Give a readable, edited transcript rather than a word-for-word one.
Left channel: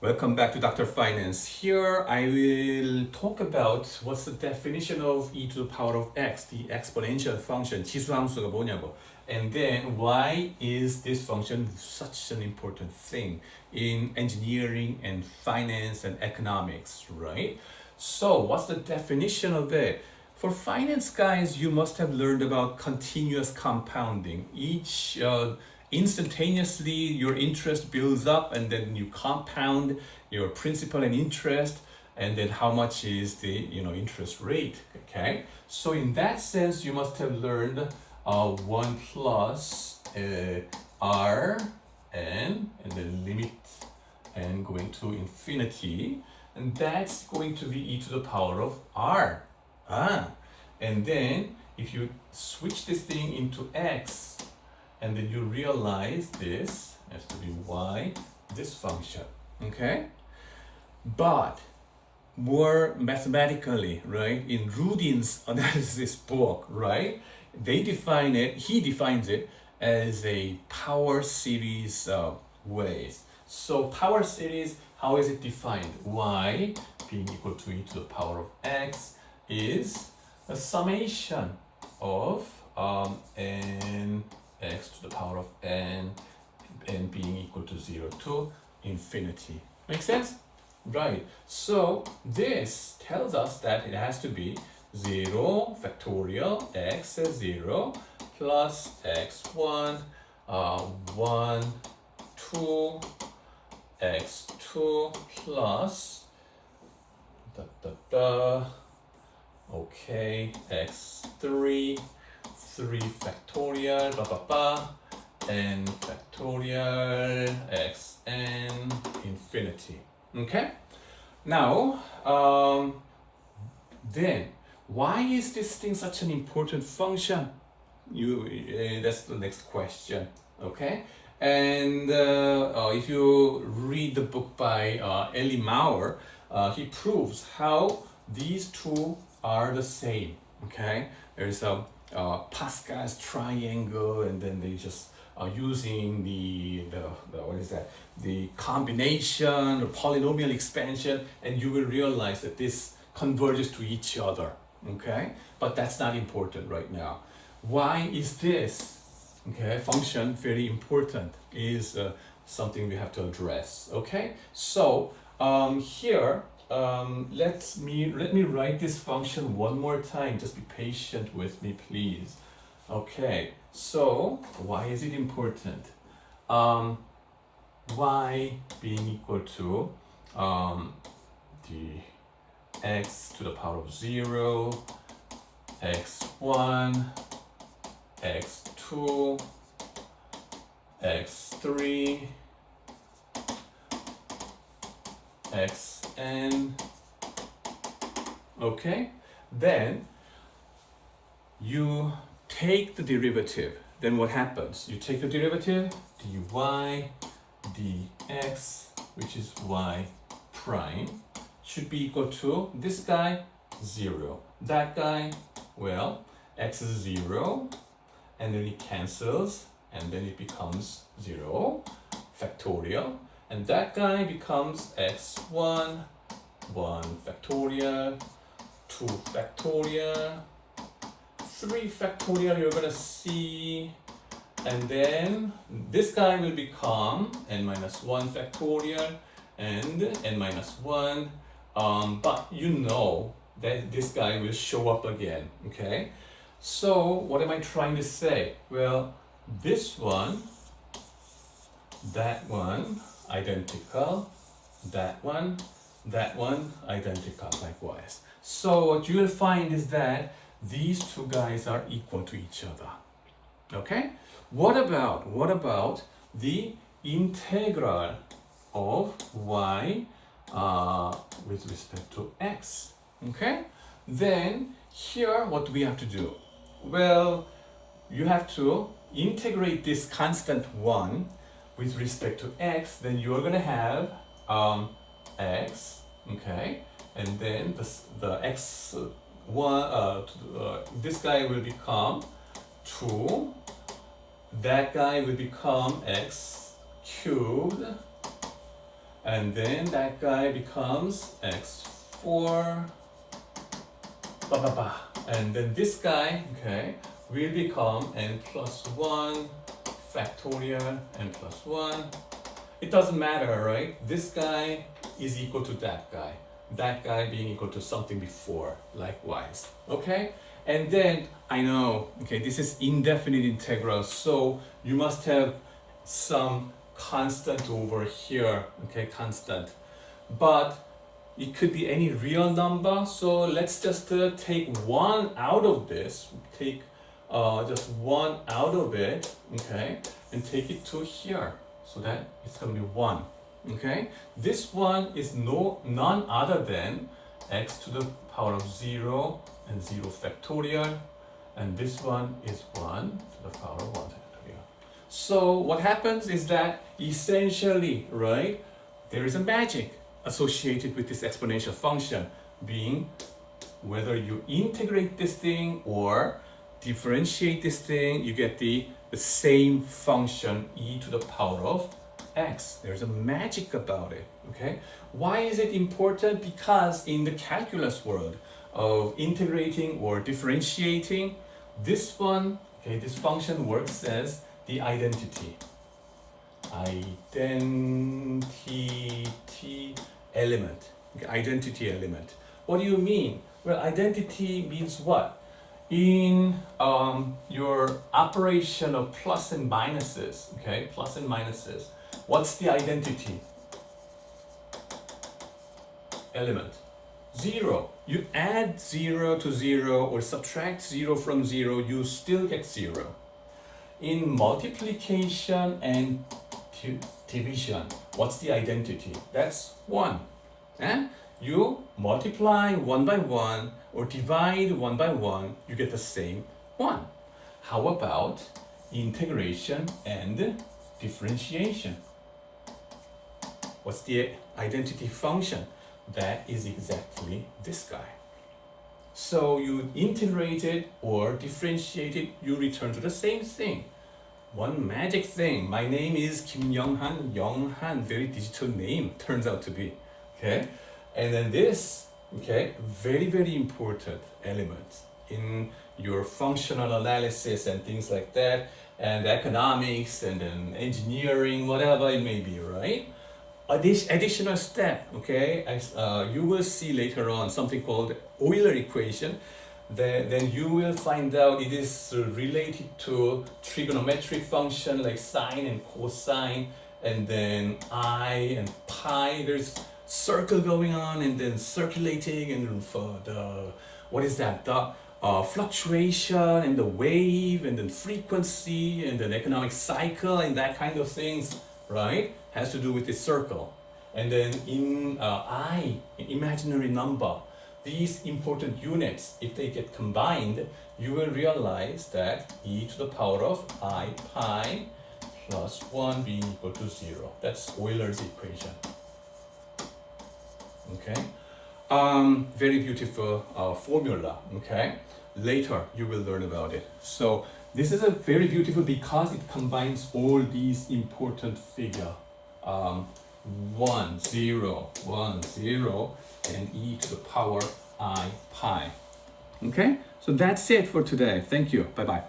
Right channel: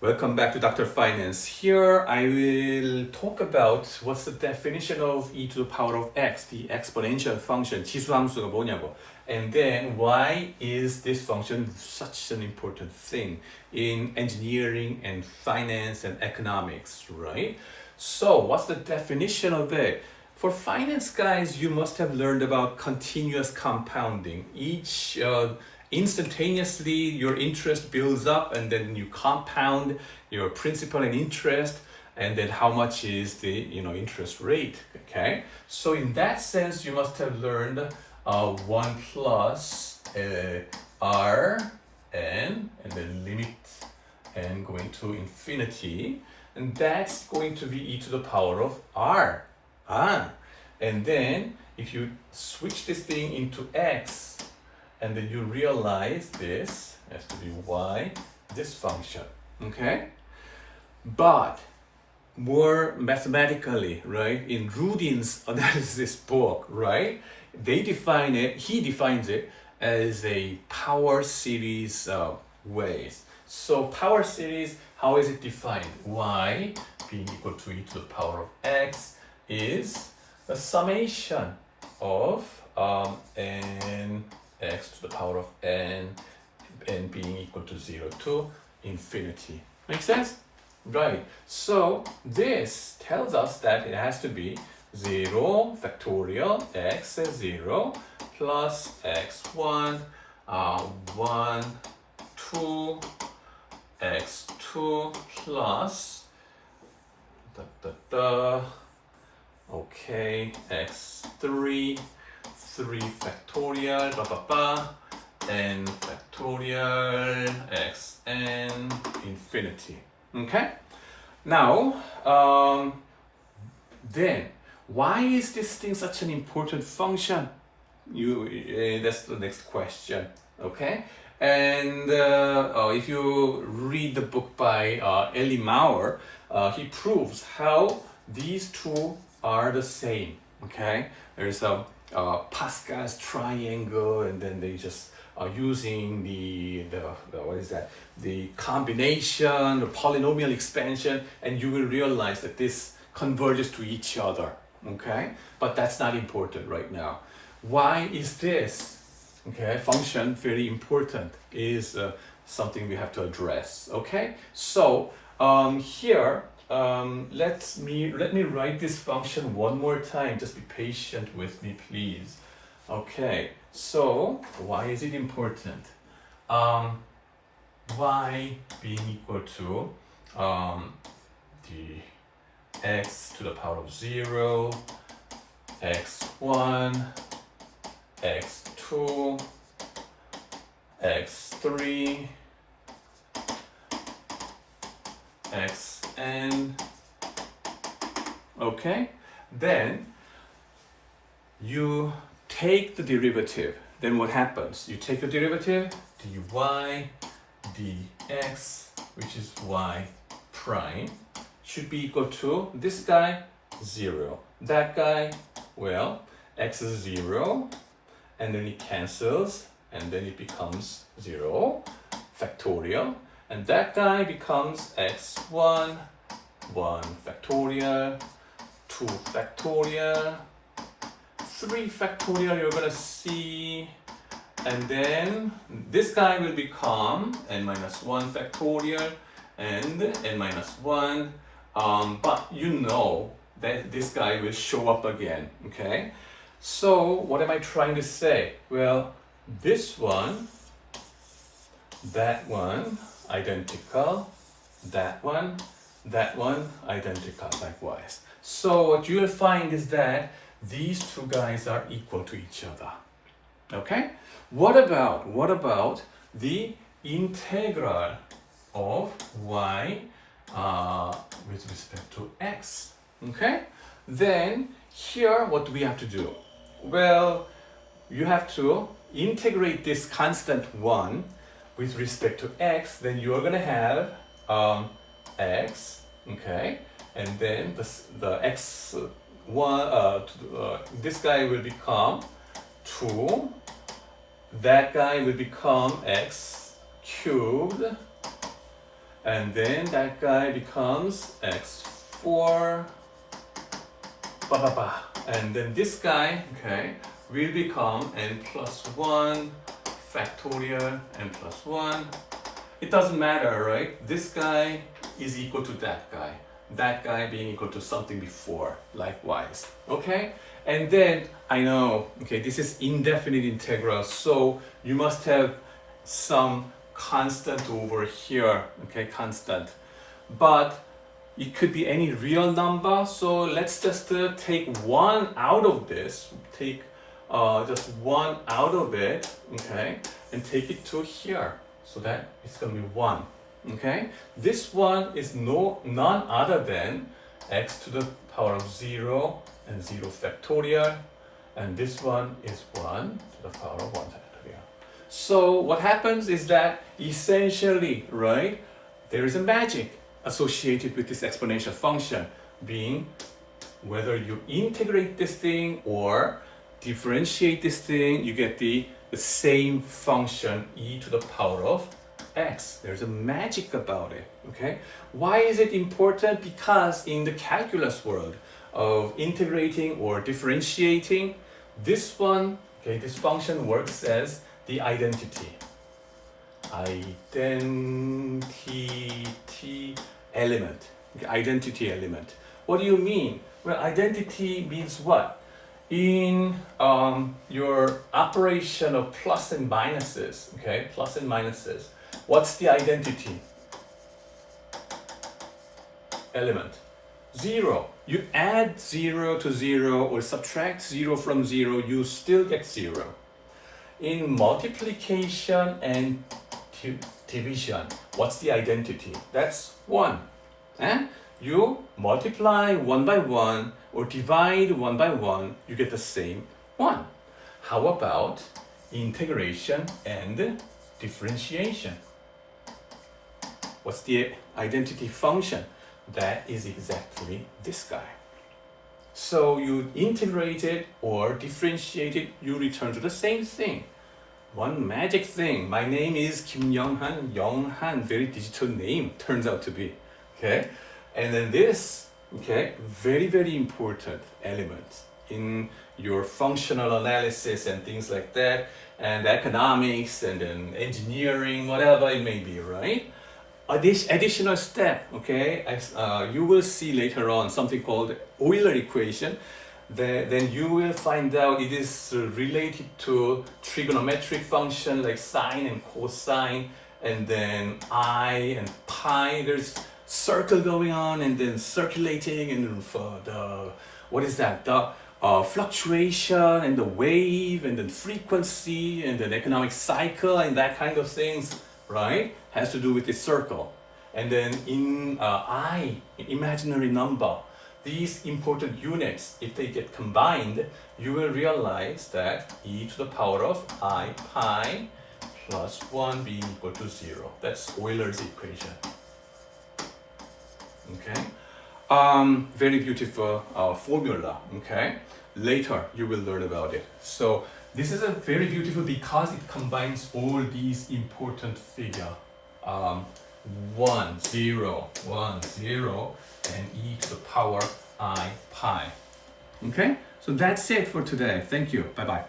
Welcome back to Dr. Finance. Here I will talk about what's the definition of e to the power of x, the exponential function, 지수함수가 뭐냐고. And then why is this function such an important thing in engineering and finance and economics, right? So what's the definition of it? For finance guys, you must have learned about continuous compounding. Each instantaneously your interest builds up and then you compound your principal and interest, and then how much is the interest rate. Okay, so in that sense you must have learned 1 plus r n and then limit n going to infinity, and that's going to be e to the power of r. And then if you switch this thing into x, and then you realize this has to be y, this function, okay? But more mathematically, right, in Rudin's analysis book, right, he defines it as a power series ways. So power series, how is it defined? Y being equal to e to the power of x is the summation of n x to the power of n being equal to 0 to infinity. Make sense? Right. So this tells us that it has to be 0 factorial x is 0 plus x1 1 2 x2 plus okay x3 3 factorial n factorial xn infinity. Okay, now then why is this thing such an important function? That's the next question. Okay, and if you read the book by Ellie Maurer, he proves how these two are the same. Okay, there's a Pascal's triangle, and then they just are using the what is that? The combination, the polynomial expansion, and you will realize that this converges to each other. Okay, but that's not important right now. Why is this function very important? Is something we have to address. Okay, so here. Let me write this function one more time. Just be patient with me, please. Okay, so why is it important? Y being equal to the x to the power of 0, x1, x2, x3, xn. Okay, then you take the derivative. Then what happens? You take the derivative, dy dx, which is y prime, should be equal to this guy 0, that guy, well, x is 0, and then it cancels, and then it becomes 0 factorial, and that guy becomes x1 1 factorial, 2 factorial, 3 factorial you're gonna see, and then this guy will become n minus 1 factorial and n minus 1, but you know that this guy will show up again. Okay, so what am I trying to say? Well, this one, that one identical, that one identical likewise. So what you will find is that these two guys are equal to each other. Okay, what about the integral of y with respect to x? Okay, then here what do we have to do? Well, you have to integrate this constant 1 with respect to x. Then you're going to have x, okay, and then the x1, this guy will become 2, that guy will become x cubed, and then that guy becomes x4, and then this guy, okay, will become n plus 1 factorial n plus 1. It doesn't matter, right? This guy is equal to that guy being equal to something before, likewise, okay? And then I know, okay, this is indefinite integral, so you must have some constant over here, okay, constant. But it could be any real number, so let's just take one out of this, take just one out of it, okay, and take it to here, so that it's going to be 1, okay? This one is none other than x to the power of 0 and 0 factorial, and this one is 1 to the power of 1 factorial. So what happens is that essentially, right, there is a magic associated with this exponential function, being whether you integrate this thing or differentiate this thing, you get the same function e to the power of x. There's a magic about it, okay? Why is it important? Because in the calculus world of integrating or differentiating, this one, okay, this function works as the identity element. Okay, identity element. What do you mean? Well, identity means what? In your operation of plus and minuses, okay, plus and minuses, what's the identity element? 0. You add 0 to 0 or subtract 0 from 0, you still get 0. In multiplication and division, what's the identity? That's 1. You multiply 1 by 1 or divide 1 by 1, you get the same 1. How about integration and differentiation? What's the identity function? That is exactly this guy. So you integrate it or differentiate it, you return to the same thing. One magic thing. My name is Kim Young-han. Young-han, very digital name, turns out to be. Okay? And then this, okay, very, very important element in your functional analysis and things like that, and economics and then engineering, whatever it may be, right? This additional step, okay, as you will see later on something called Euler equation. Then you will find out it is related to trigonometric function like sine and cosine, and then I and pi. There's circle going on and then circulating, and for the what is that? The fluctuation and the wave and then frequency and then economic cycle and that kind of things, right? Has to do with the circle. And then in I, imaginary number, these important units, if they get combined, you will realize that e to the power of I pi plus 1 being equal to 0. That's Euler's equation. Okay? Very beautiful formula, okay? Later you will learn about it. So this is a very beautiful because it combines all these important figures. 1, 0, 1, 0, and e to the power I pi. Okay? So that's it for today. Thank you. Bye-bye.